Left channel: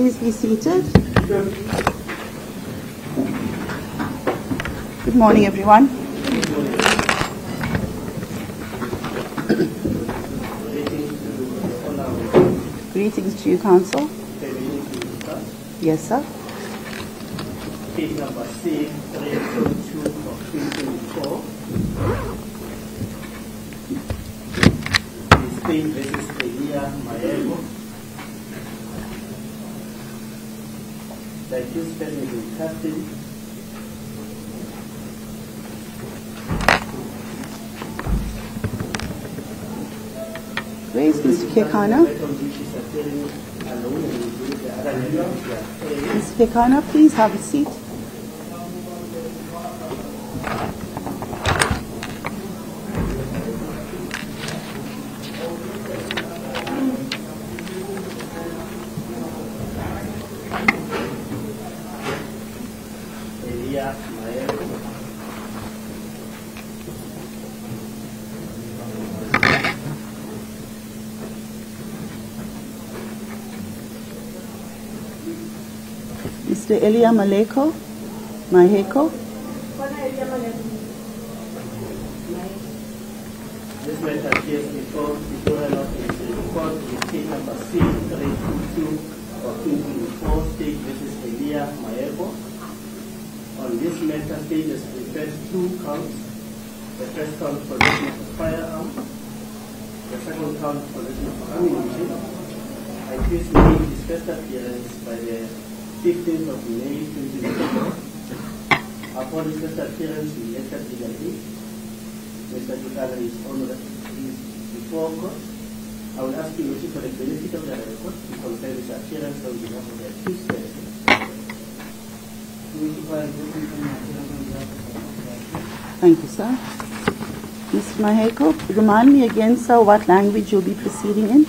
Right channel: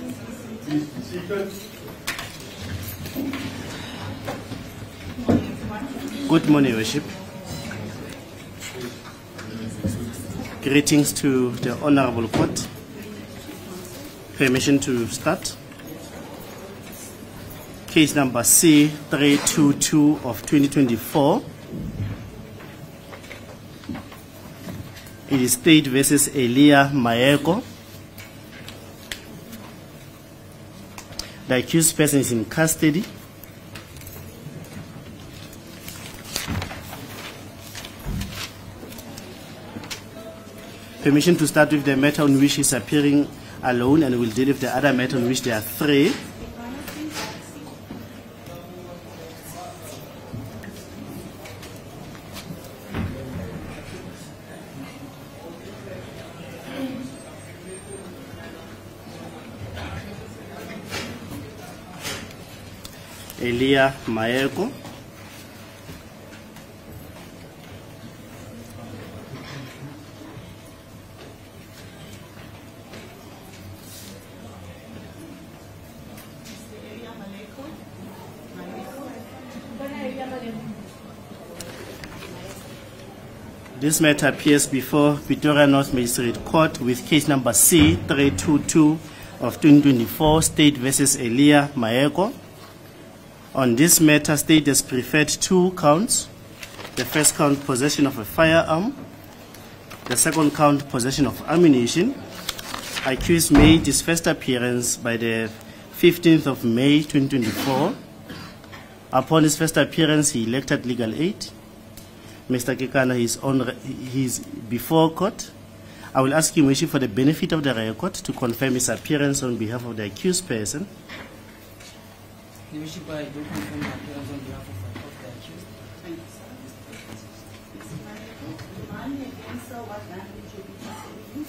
Please be seated. Good morning, everyone. Good morning, everyone. Greetings to the Honorable Court. Greetings to you, Council. Permission to start. Yes, sir. Case number C322 of 2024. The State versus Elia Maego. The accused person is in custody. Permission to start with the matter on which he is appearing alone, and we'll deal with the other matter on which there are three. Ms. Pekana, please have a seat. Elia Maego. Mr. Elia Maheko. This matter appears before Pretoria North Magistrate Court with case number C322 of 2024, State versus Elia Maego. On this matter, State has preferred two counts. The first count, possession of a firearm. The second count, possession of ammunition. Accused made his first appearance by the 15th of May 2024. Upon his first appearance, he elected legal aid. Mr. Kekana is before court. I will ask him, for the benefit of the record, to confirm his appearance on behalf of the accused person. Thank you, sir. Mr. Maheko, remind me again, sir, what language you'll be proceeding in.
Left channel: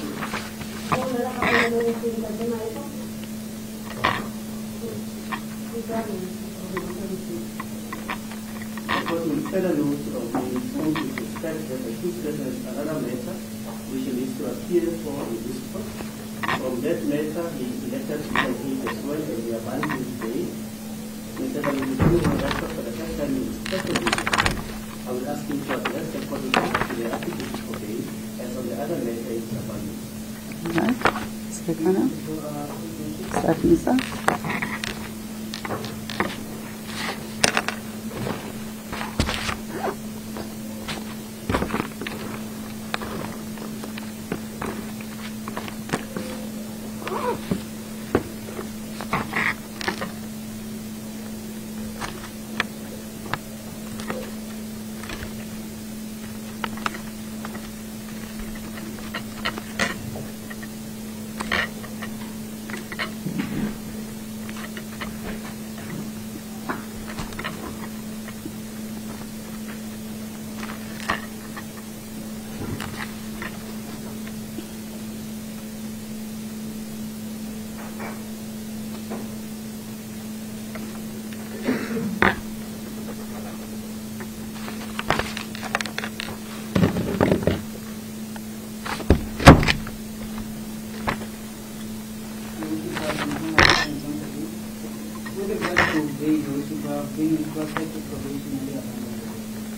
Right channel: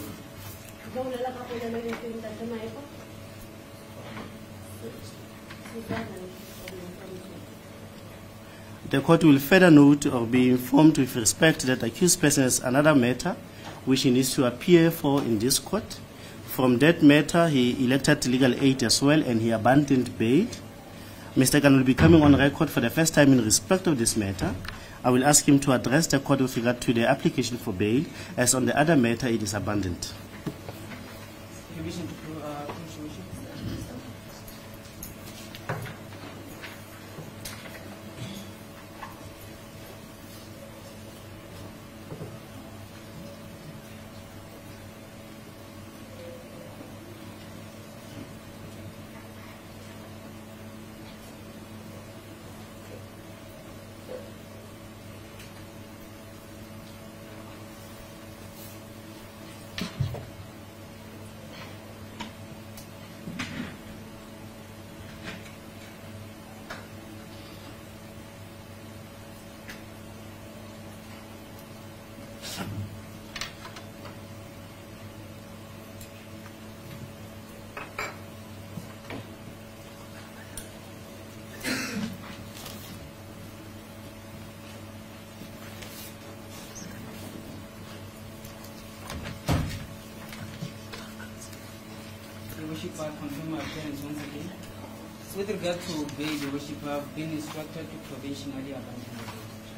The court will further note or be informed with respect that the accused person has another matter which he needs to appear for in this court. From that matter, he elected legal aid as well, and he abandoned bail. Mr. Khan will be coming on record for the first time in respect of this matter. I will ask him to address the court with regard to the application for bail, as on the other matter it is abandoned. All right. Mr. Khan. Certainly, sir.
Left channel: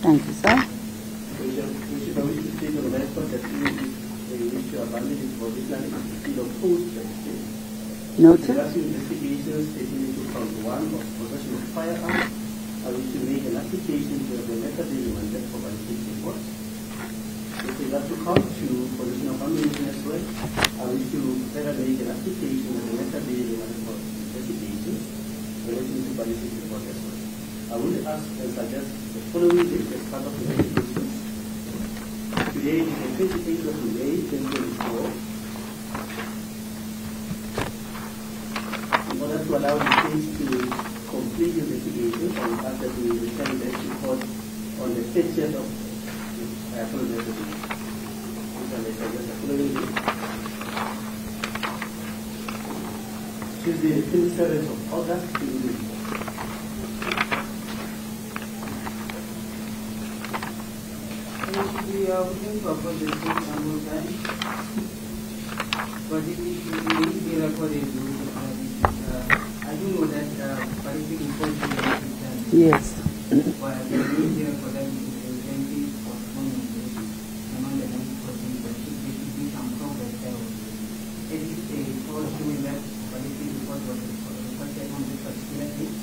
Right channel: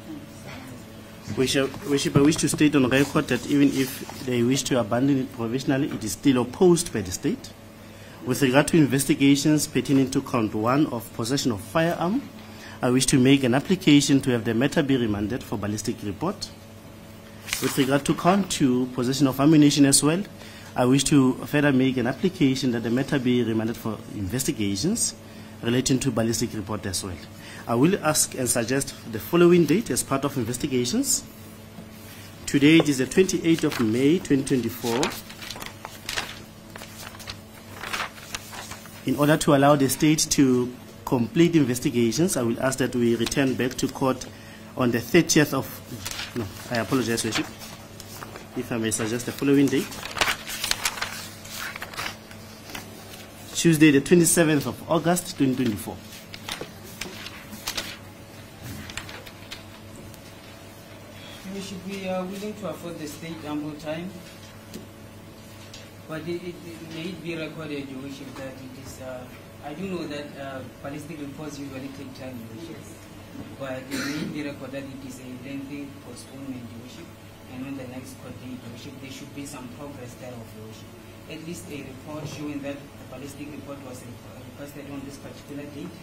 Thank you, sir. Worship, I wish to state on record that even if they wish to abandon it provisionally, it is still opposed by the state. No, with regard to investigations pertaining to count 1 of possession of firearm, I wish to make an application to have the matter be remanded for ballistic report. With regard to count 2, possession of ammunition as well, I wish to further make an application that the matter be remanded for investigations relating to ballistic report as well. I will ask and suggest the following date as part of investigations. Today it is the 28th of May 2024. In order to allow the state to complete investigations, I will ask that we return back to court on the 30th of, I apologize, Worship, if I may suggest the following date. Tuesday, the 27th of August, 2024. We should be willing to afford the state ample time, but it may be recorded, we should Yes. But the main reason for that is a lengthy postponement, and on the next court date, there should be some progress there. At least a report showing that the ballistic report was requested on this particular date,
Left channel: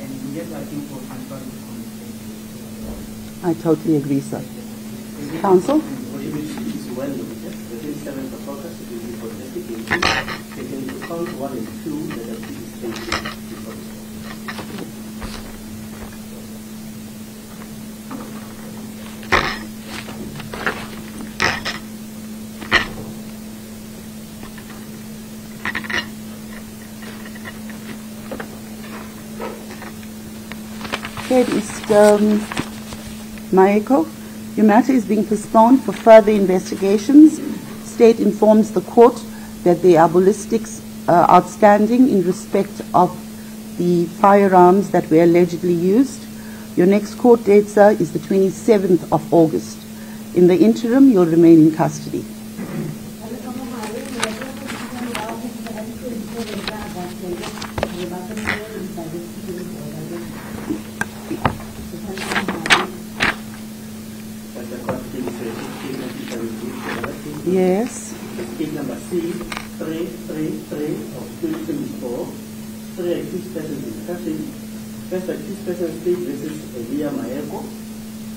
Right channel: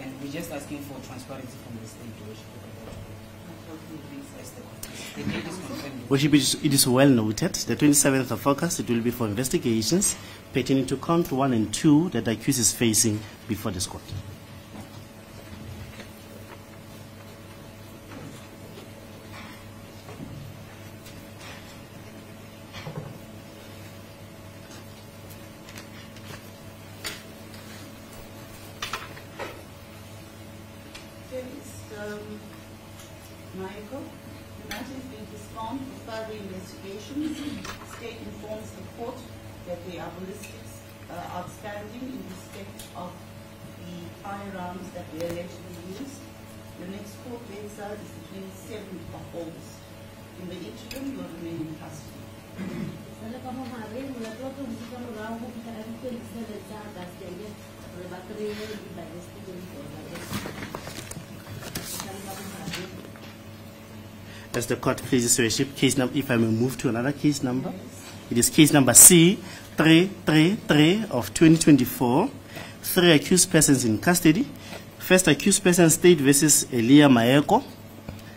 and we're just asking for transparency from the state. I totally agree, sir. Counsel? Worship, it is well noted. The 27th of August, it will be for investigations pertaining to count 1 and 2 that the accused is facing before this court. Okay, Mr. Maeko, your matter is being postponed for further investigations. State informs the court that there are ballistics outstanding in respect of the firearms that were allegedly used. Your next court date, sir, is the 27th of August. In the interim, you'll remain in custody. As the court pleases to receive case number, if I may move to another case number. Yes. It is case number C333 of 2024. 3 accused persons in custody. First accused person, State versus Elia Maeko.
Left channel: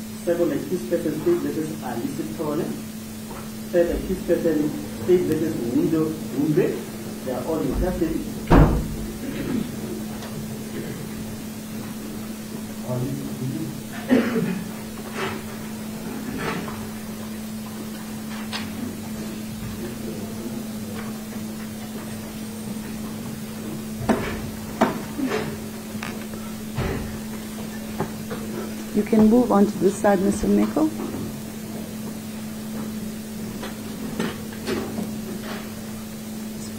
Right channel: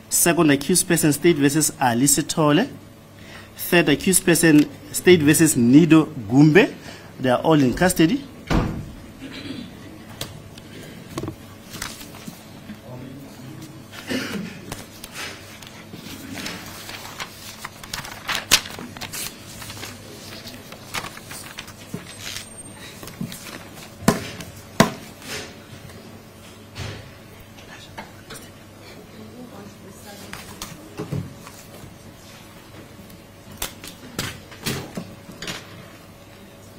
Second accused person, State versus Alice Tole. Third accused person, State versus Nido Gumbe. They are all in custody. You can move on to this side, Mr. Meko.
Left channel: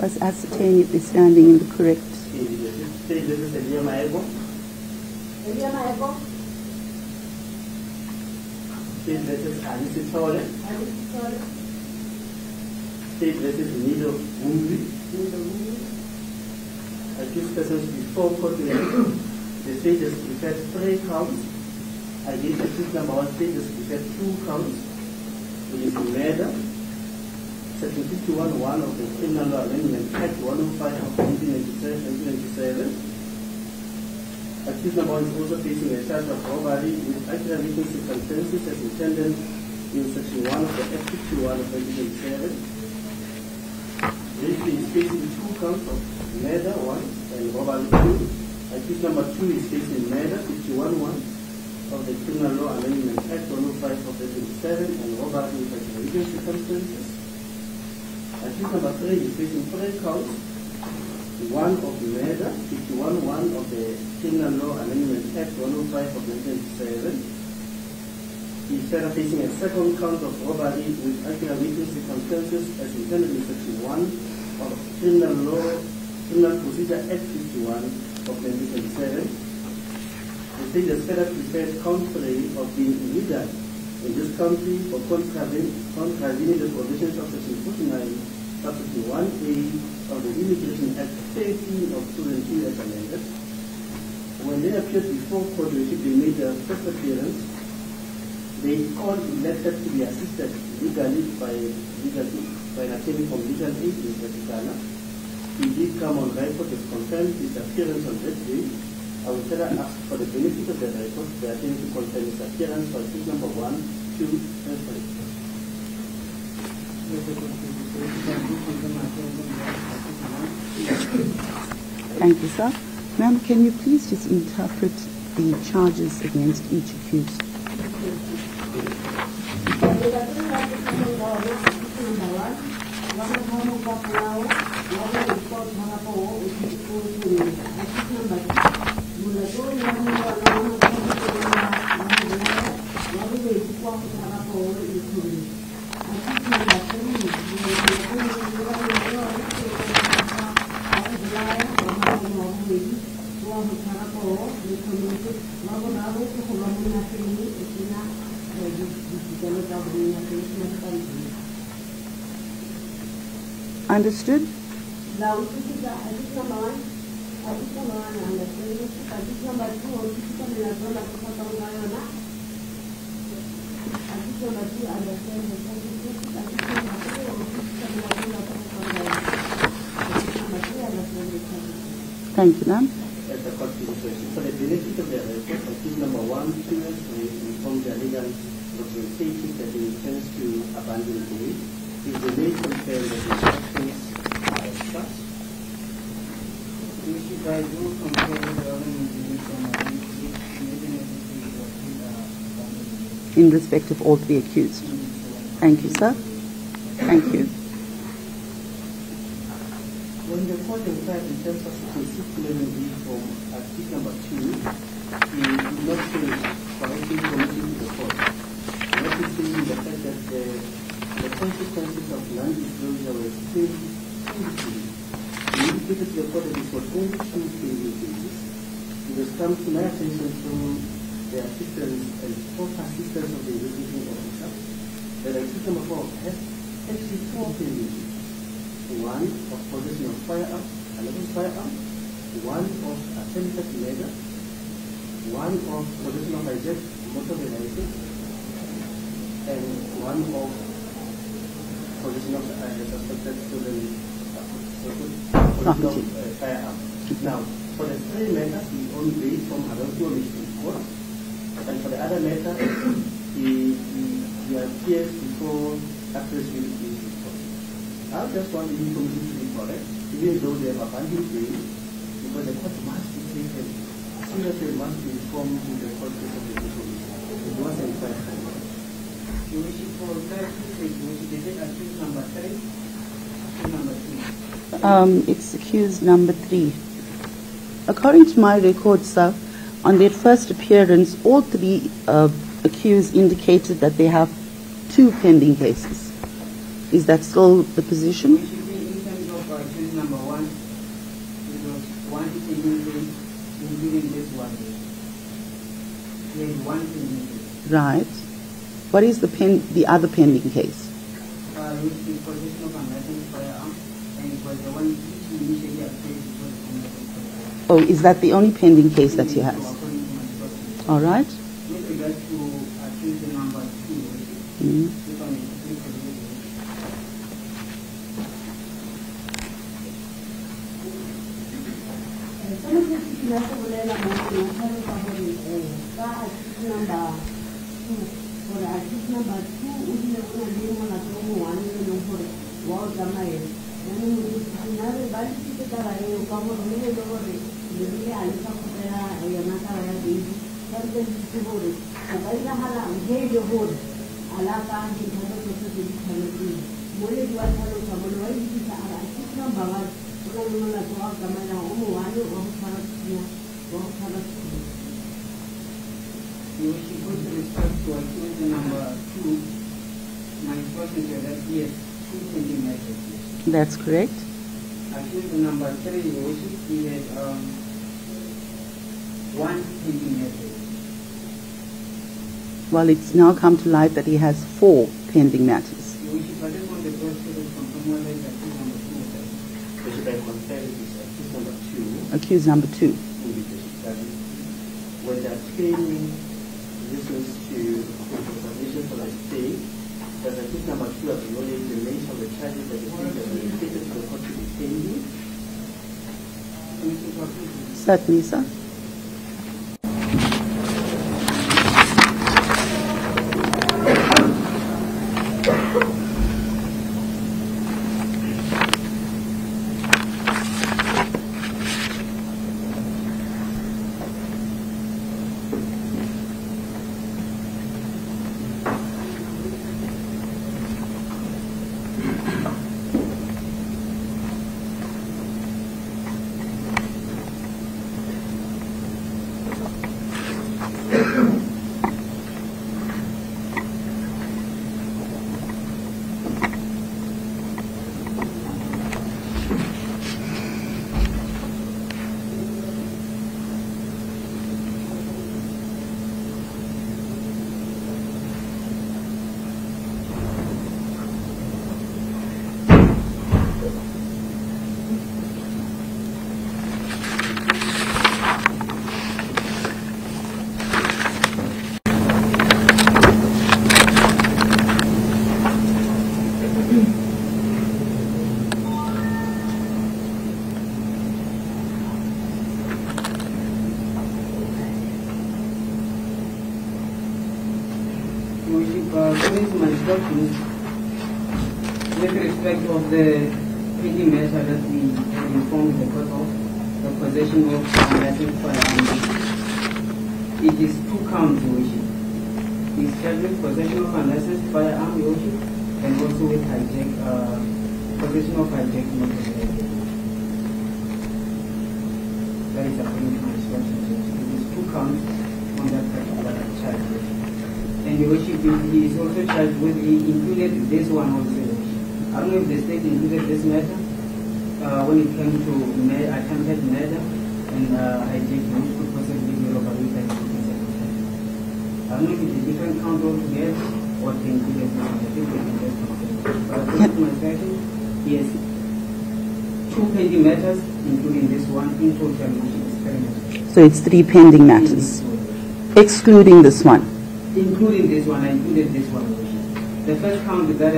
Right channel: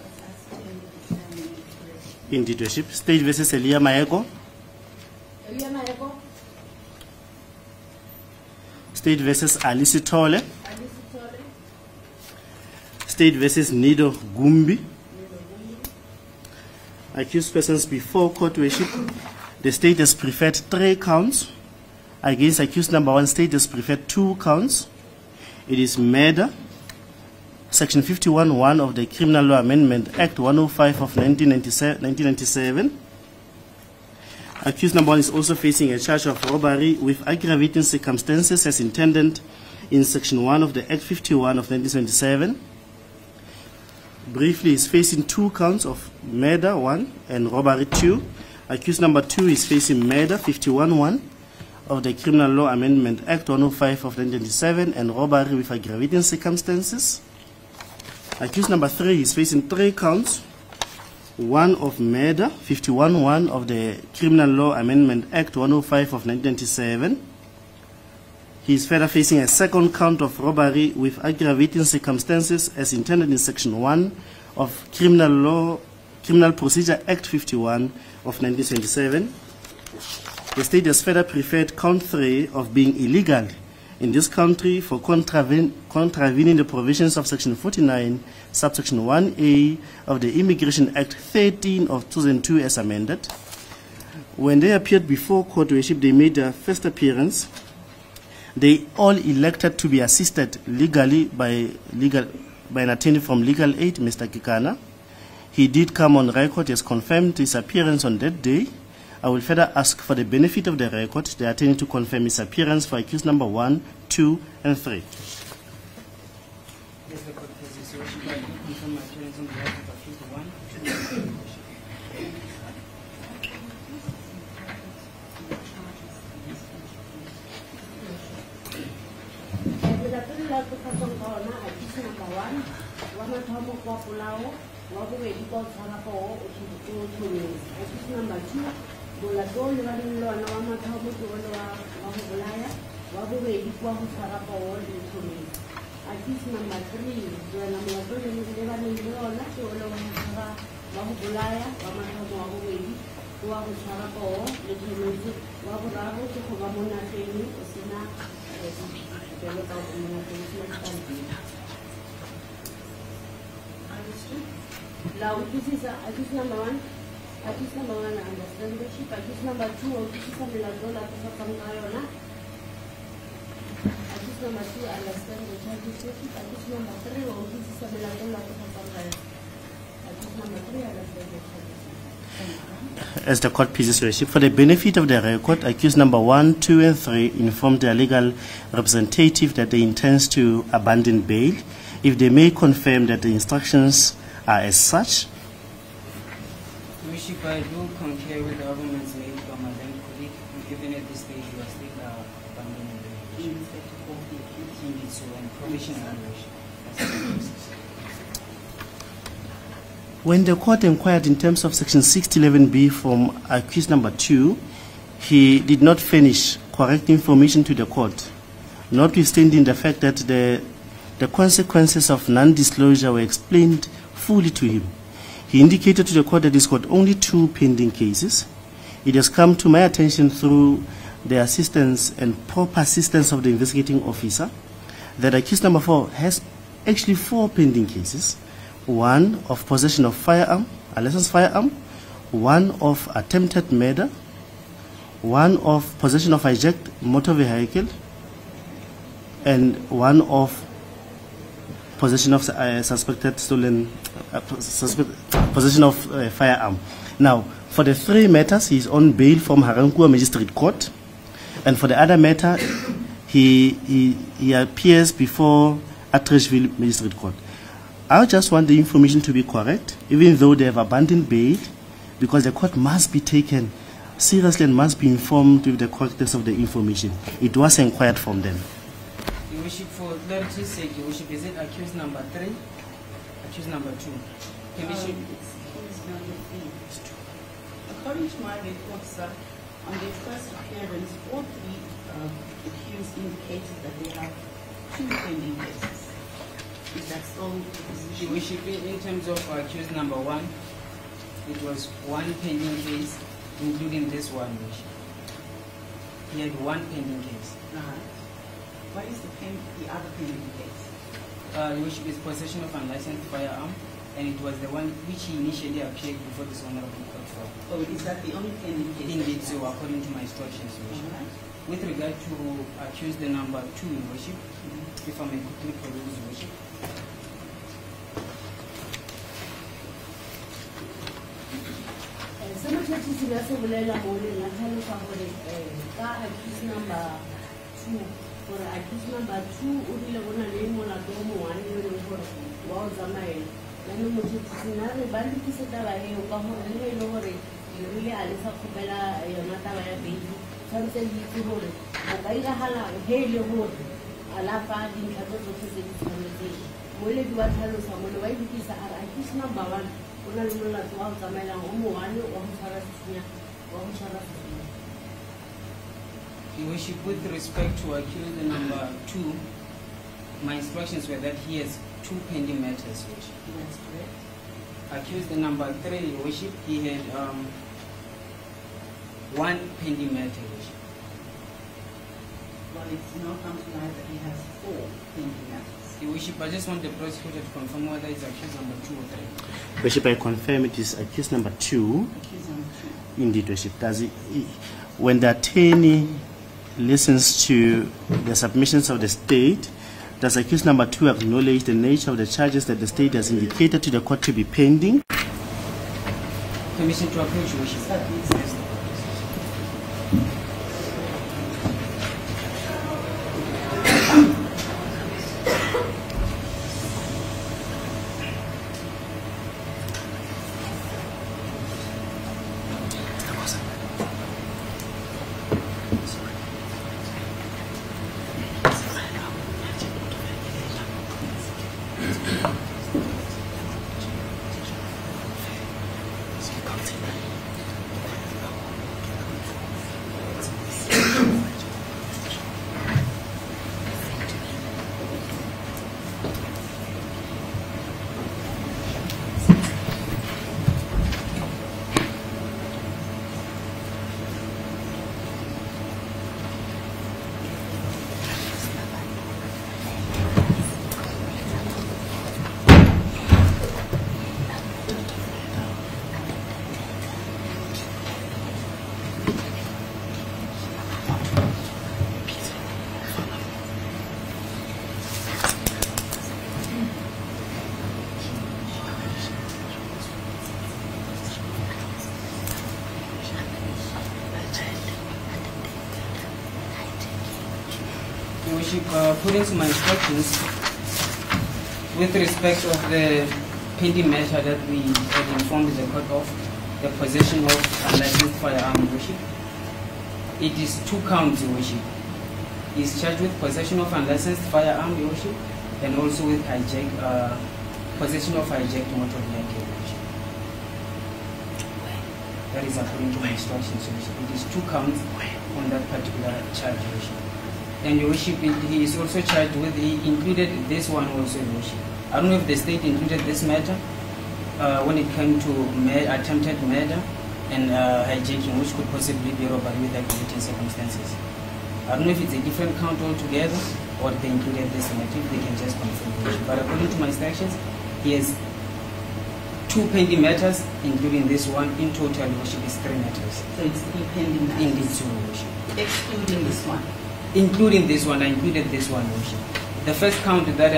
Let's ascertain if they're standing in the correct. Indeed, Worship. State versus Elia Maeko. Elia Maeko. State versus Alice Tole. State versus Nido Gumbi. Accused persons before court, Worship. The state has preferred 3 counts. Against accused number 1, state has preferred 2 counts. It is murder, section 51(1) of the Criminal Law Amendment Act 105 of 1997. Accused number 1 is also facing a charge of robbery with aggravating circumstances as intended in section 1 of the Act 51 of 1977. Briefly, is facing 2 counts of murder 1 and robbery 2. Accused number 2 is facing murder 51(1) of the Criminal Law Amendment Act 105 of 1997 and robbery with aggravating circumstances. Accused number 3 is facing 3 counts, 1 of murder, 51(1) of the Criminal Law Amendment Act 105 of 1997. He is further facing a 2nd count of robbery with aggravating circumstances as intended in section 1 of Criminal Procedure Act 51 of 1977. The state has further preferred count 3 of being illegal in this country for contravening the provisions of section 49, subsection 1A of the Immigration Act 13 of 2002 as amended. When they appeared before court, they made their first appearance. They all elected to be assisted legally by an attorney from Legal Aid, Mr. Kikana. He did come on record, has confirmed his appearance on that day. I will further ask for the benefit of the record, the attorney to confirm his appearance for accused number 1, 2, and 3. Thank you, sir. Ma'am, can you please just interpret the charges against each accused? Understood? Thank you, ma'am. As the court pleases, Your Worship, for the benefit of the record, accused number 1, 2, and 3 informed their legal representative that they intend to abandon bail if they may confirm that the instructions are as such. Your Worship, I do concur with the government's from and even at this stage, we are still In respect of all three accused. Thank you, sir. Thank you. When the court inquired in terms of section 611B from accused number 2, he did not furnish correct information to the court, notwithstanding the fact that the consequences of non-disclosure were explained fully to him. He indicated to the court that he's got only 2 pending cases. It has come to my attention through the assistance and proper assistance of the investigating officer that accused number 4 has actually 4 pending cases. 1 of possession of firearm, a licensed firearm, 1 of attempted murder, 1 of possession of hijacked motor vehicle, and 1 of possession of suspected stolen possession of firearm. Now, for the 3 matters, he is on bail from Harankua Magistrate Court, and for the other matter, he appears before Atreshville Magistrate Court. I just want the information to be correct, even though they have abandoned bail, because the court must be taken seriously and must be informed with the correctness of the information. It was inquired from them. Your Worship, for clarity's sake, Your Worship, is it accused number 3, accused number 2? It's accused number 3. According to my record, sir, on their first appearance, all 3 accused indicated that they have 2 pending cases. Is that still the position? Your Worship, in terms of accused number 1, it was 1 pending case, including this one, Your Worship. He had 1 pending case. Right. What is the other pending case? Your Worship, is possession of unlicensed firearm, and it was the one which he initially appeared before this honorable court. Oh, is that the only pending case that he has? So according to my instructions. All right. With regard to accused the number 2, Your Worship, if I may quickly produce, Your Worship. Your Worship, with respect to accused number 2, my instructions were that he has 2 pending matters, Your Worship. That's correct. Accused number 3, Your Worship, he had 1 pending matter, Your Worship. Well, it's now come to light that he has 4 pending matters. Your Worship, I just want the prosecutor to confirm whether it's accused number 2 or 3. Worship, I confirm it is accused number 2. Accused number 2. Indeed, Worship. Does it, when the attorney listens to the submissions of the state, does accused number 2 acknowledge the nature of the charges that the state has indicated to the court to be pending? Permission to approach, Your Worship. Certainly, sir. Worship, according to my instructions, with respect of the pending matter that we had informed the court of, the possession of unlicensed firearms, it is 2 counts, Your Worship. He is charged with possession of unlicensed firearm, Your Worship, and also with possession of hijacked motor vehicle, Your Worship. That is according to my instructions, Your Worship. It is 2 counts on that particular charge, Your Worship. And Your Worship, he is also charged with, he included this one also, Your Worship. I don't know if the state included this matter when it came to attempted murder and hijacking, which could possibly be robbery with aggravating circumstances. I don't know if it's a different count altogether or they included this matter, if they can just confirm. But according to my instructions, he has 2 pending matters, including this one. In total, Worship, is 3 matters. So it's 3 pending matters, excluding this one. Including this one, I included this one, Worship. The first count that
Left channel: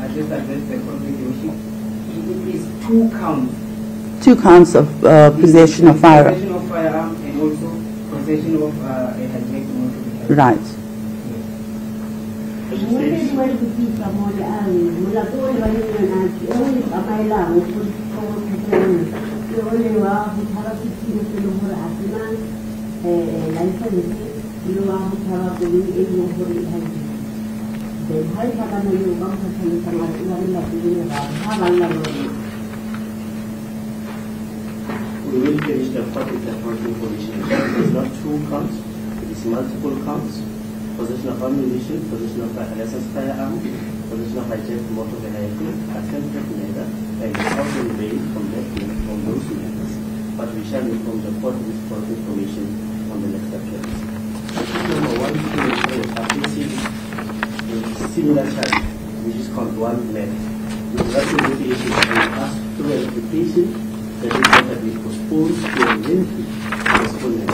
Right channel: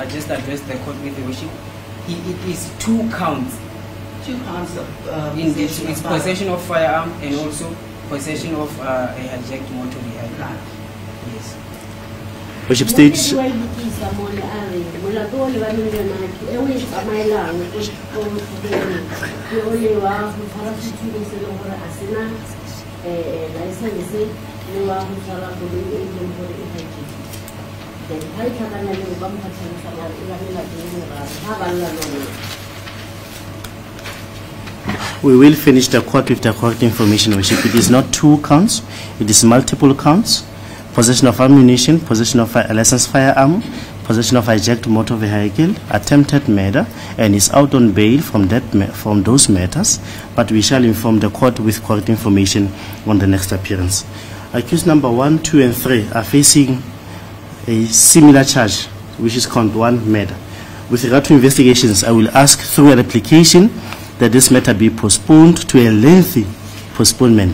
I just addressed the court with, Worship, it is 2 counts. 2 counts of possession of firearm. Possession of firearm and also possession of a hijacked motor vehicle. Right. Yes. Worship states. We will finish the court with the correct information, Worship. It is not 2 counts, it is multiple counts. Possession of ammunition, possession of a licensed firearm, possession of hijacked motor vehicle, attempted murder, and is out on bail from those matters. But we shall inform the court with correct information on the next appearance. Accused number 1, 2, and 3 are facing a similar charge, which is count 1, murder. With regard to investigations, I will ask through an application that this matter be postponed to a lengthy postponement.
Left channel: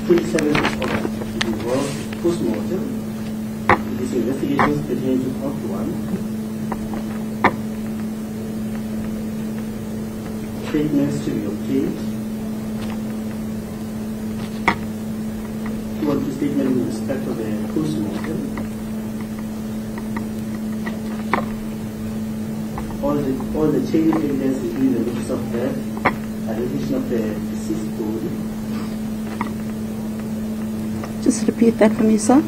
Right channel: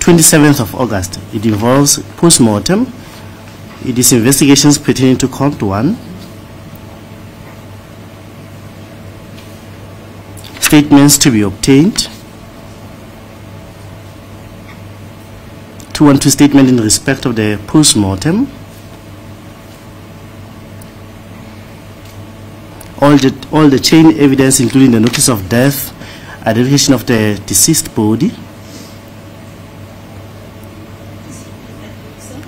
27th of August. It involves post-mortem. It is investigations pertaining to count 1. Statements to be obtained. 212 statement in respect of the post-mortem. All the chain evidence, including the notice of death, identification of the deceased body. Just repeat that for me, sir.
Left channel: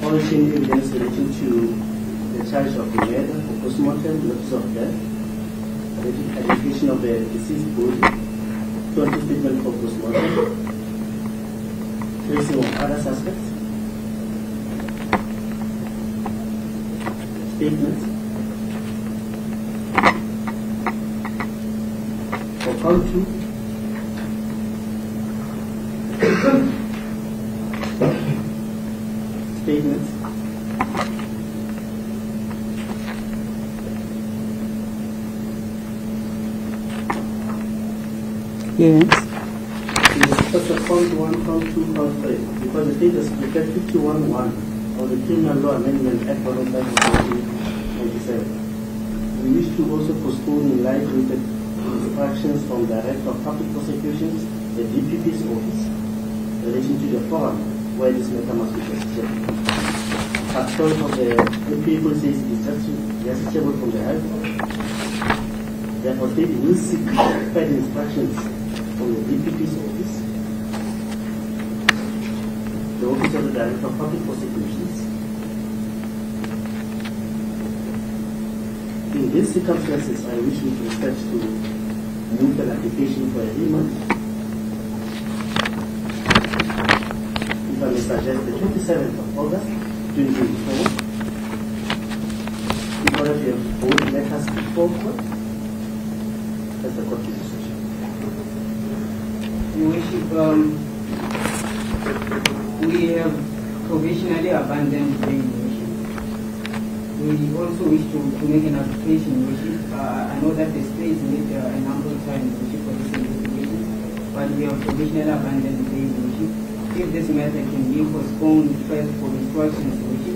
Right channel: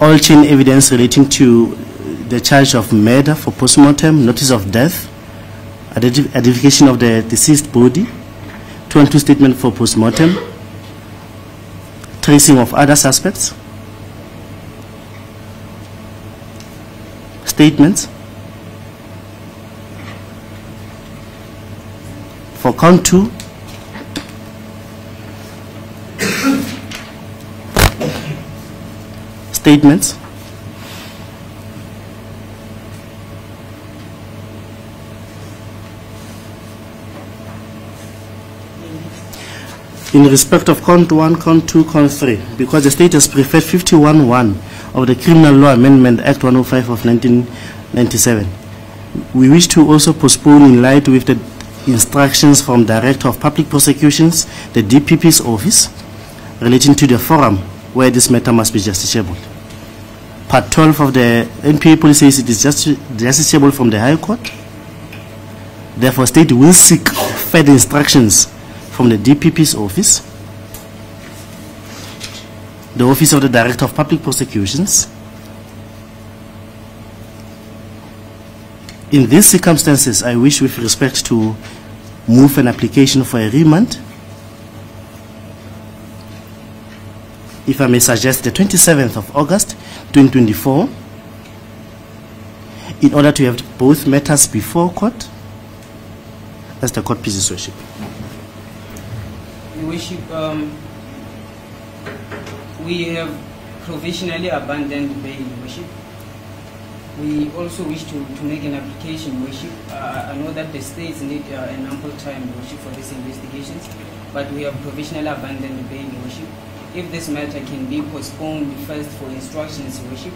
All chain evidence relating to the charge of murder for post-mortem, notice of death, identification of the deceased body, 212 statement for post-mortem, tracing of other suspects, statements. For count 2, statements. Yes. In respect of count 1, count 2, count 3, because the state has preferred 51(1) of the Criminal Law Amendment Act 105 of 1997, we wish to also postpone in light with the instructions from Director of Public Prosecutions, the DPP's office, relating to the forum where this matter must be justiciable. Part 12 of the NPA policy says it is justiciable from the High Court. Therefore, state will seek further instructions from the DPP's office, the Office of the Director of Public Prosecutions. In these circumstances, I wish with respect to move an application for a remand. If I may suggest the 27th of August 2024, in order to have both matters before court. That's the court pleases, Worship. Your Worship, we have provisionally abandoned bail, Your Worship. We also wish to make an application, Your Worship. I know that the states need an ample time, Your Worship, for these investigations, but we have provisionally abandoned bail, Your Worship. If this matter can be postponed first for instructions, Your Worship,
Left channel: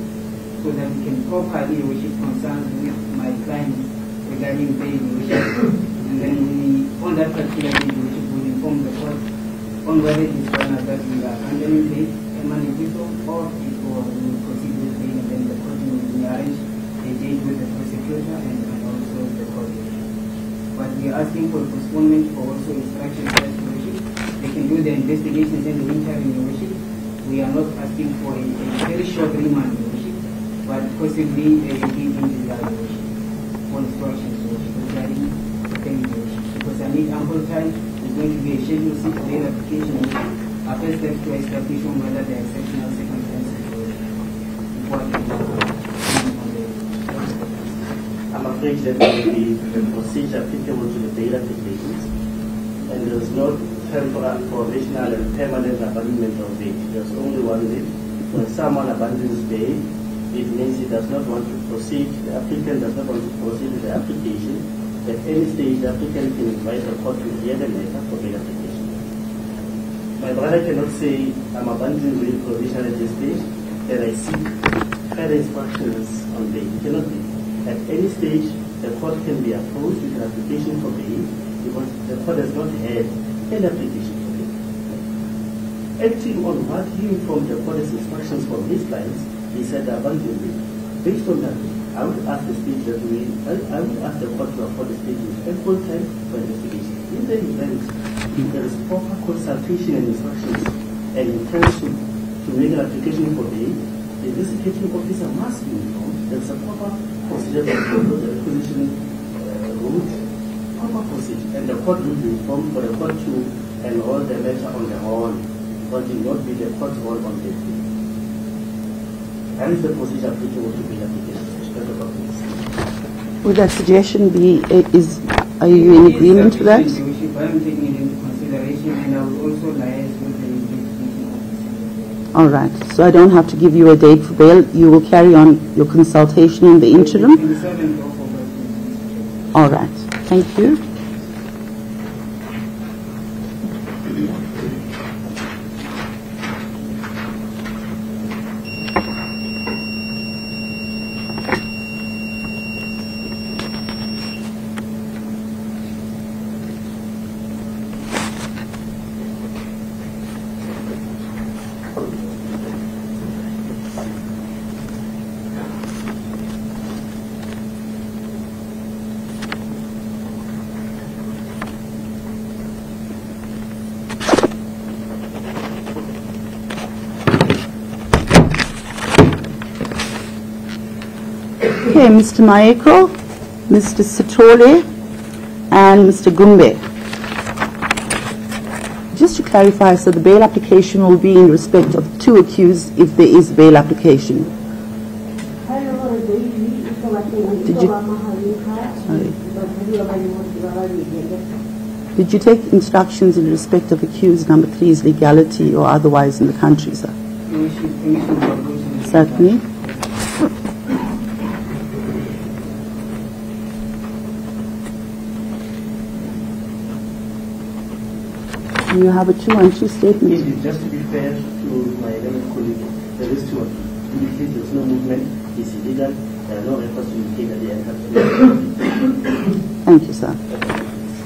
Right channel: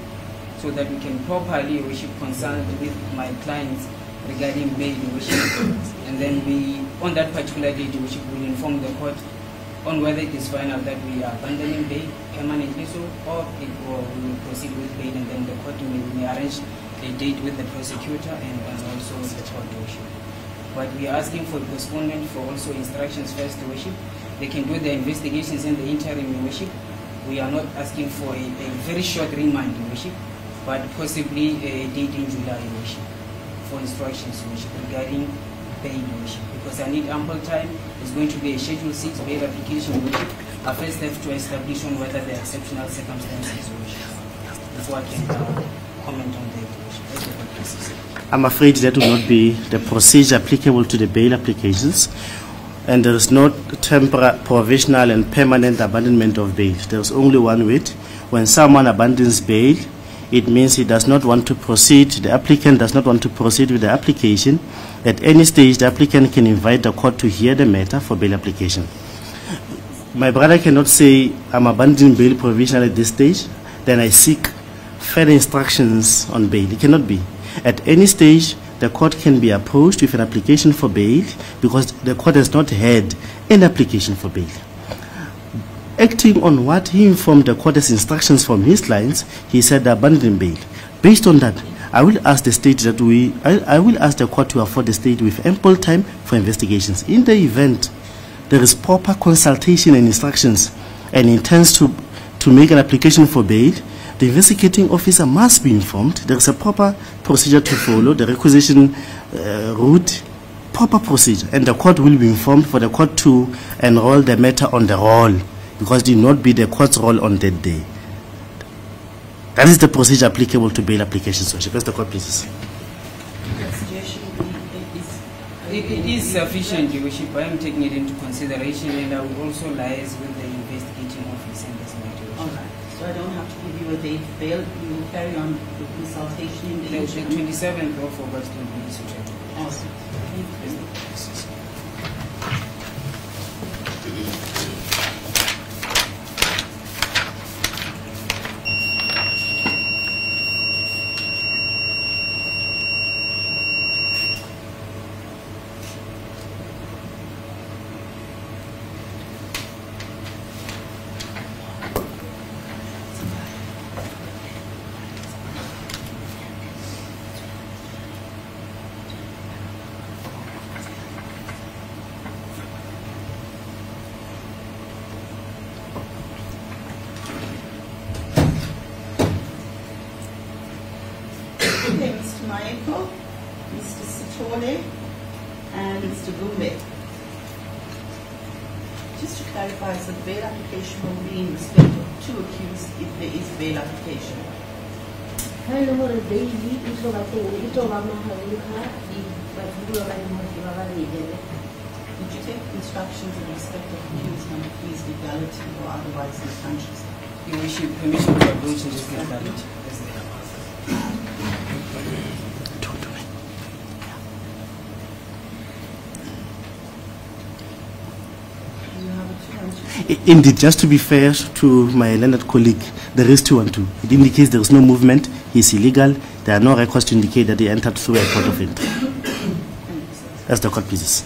so that we can properly, Your Worship, consult with my clients regarding bail, Your Worship. And then we, on that particular date, Your Worship, will inform the court on whether it is final that we are abandoning bail permanently so, or it will proceed with bail, and then the court arrange a date with the prosecutor and also the court, Your Worship. But we are asking for postponement for also instructions as to Worship. They can do the investigations in the interim, Your Worship. We are not asking for a very short remand, Your Worship, but possibly a date in July, Your Worship, for instructions, Your Worship, regarding the paying, Your Worship. Because I need ample time. It's going to be a Schedule 6 bail application, Your Worship. I first have to establish on whether there are exceptional circumstances, Your Worship, before I can I'm afraid that will not be the procedure applicable to the bail applications. And there is no temporary, provisional and permanent abandonment of bail. There is only one way. When someone abandons bail, it means he does not want to proceed, the applicant does not want to proceed with the application. At any stage, the applicant can invite the court to hear the matter for bail application. My brother cannot say, I'm abandoning bail provisional at this stage, then I seek further instructions on bail. It cannot be. At any stage, the court can be approached with an application for bail because the court has not had an application for bail. Acting on what he informed the court as instructions from his clients, he said abandoning bail. Based on that, I will ask the state that I will ask the court to afford the state with ample time for investigations. In the event there is proper consultation and instructions and intends to make an application for bail, the investigating officer must be informed. There is a proper procedure to follow, the requisition route, proper procedure, and the court will be informed for the court to enroll the matter on the roll, because it will not be the court's role on that day. That is the procedure applicable to bail applications. So, press the court, please. Would that suggestion be, are you in agreement with that? Your Worship, I am taking it into consideration, and I would also liaise with the investigating officer in this matter. All right, so I don't have to give you a date for bail. You will carry on your consultation in the interim? The 27th of August will be suitable. All right, thank you. Okay, Mr. Maeko, Mr. Sithole, and Mr. Gumbe. Just to clarify, so the bail application will be in respect of two accused if there is bail application. Did you take instructions in respect of accused number 3's legality or otherwise in the country, sir? Certainly. You have a 2-1-2 statement. Indeed, just to be fair to my learned colleague, there is 2-1-2. It indicates there is no movement, he's illegal, there are no records to indicate that he entered through a court of entry. Thank you, sir. That's the court, please.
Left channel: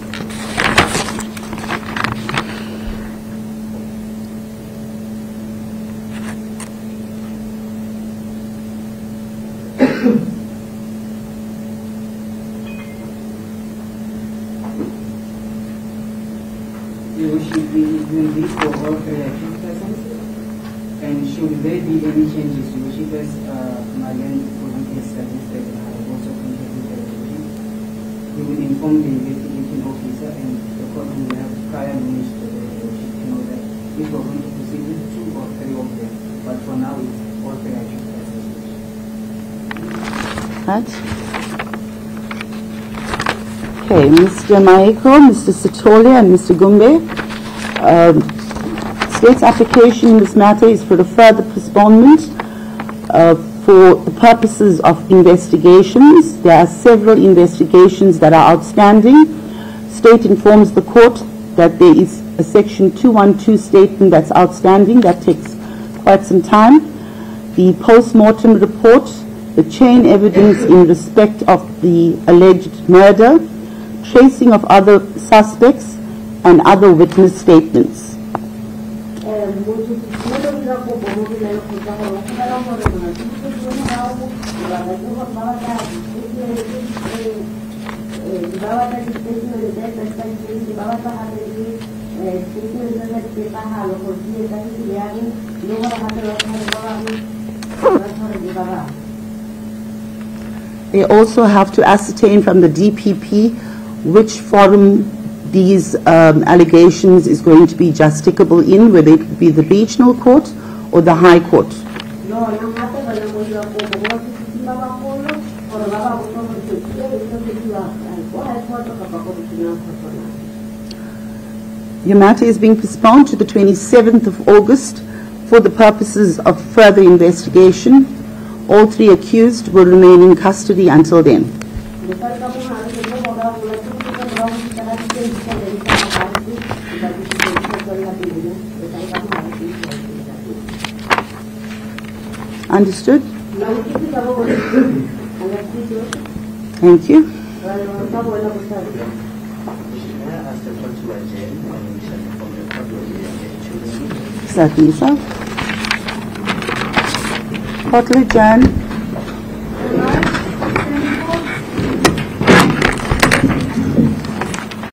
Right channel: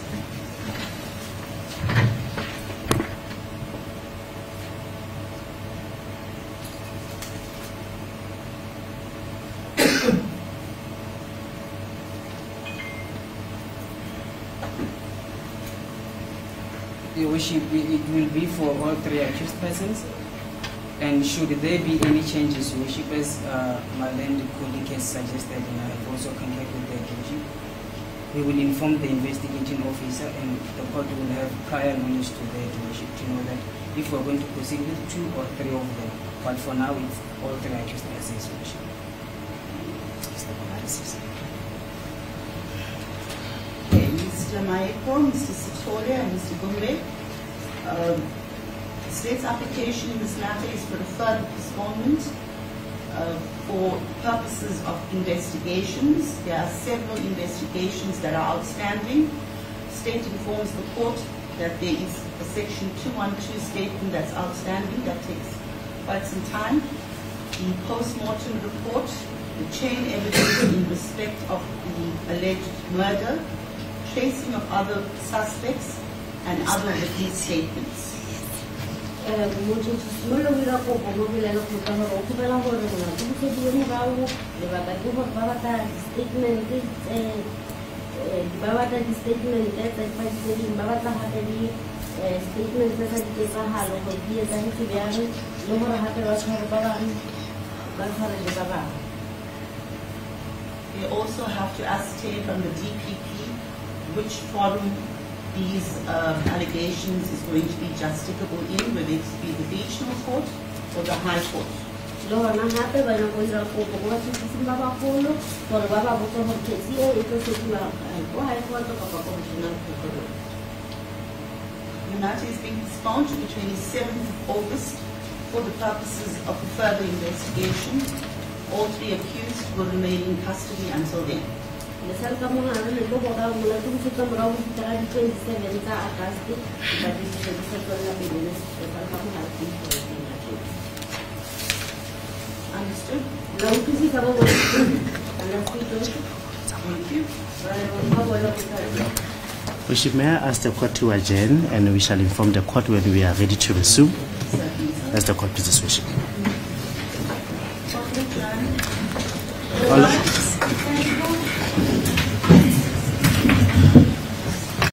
Your Worship, it will be for all three accused persons. And should there be any changes, Your Worship, as my learned colleague has suggested, and I have also concurred with that, Your Worship, we will inform the investigating officer and the court will have prior knowledge to that, Your Worship, to know that if we're going to proceed with 2 or 3 of them. But for now, it's all three accused persons, Your Worship. Right. Okay, Mr. Maeko, Mr. Sithole, and Mr. Gumbe. State's application in this matter is for a further postponement for the purposes of investigations. There are several investigations that are outstanding. State informs the court that there is a section 212 statement that's outstanding. That takes quite some time. The post-mortem report, the chain evidence in respect of the alleged murder, tracing of other suspects, and other witness statements. They also have to ascertain from the DPP which forum these allegations is going to be justicable in, whether it be the regional court or the High Court. Your matter is being postponed to the 27th of August for the purposes of further investigation. All three accused will remain in custody until then. Understood? Thank you. Worship, may I ask the court to adjourn, and we shall inform the court when we are ready to resume. Certainly, sir. That's the court position. Court will adjourn.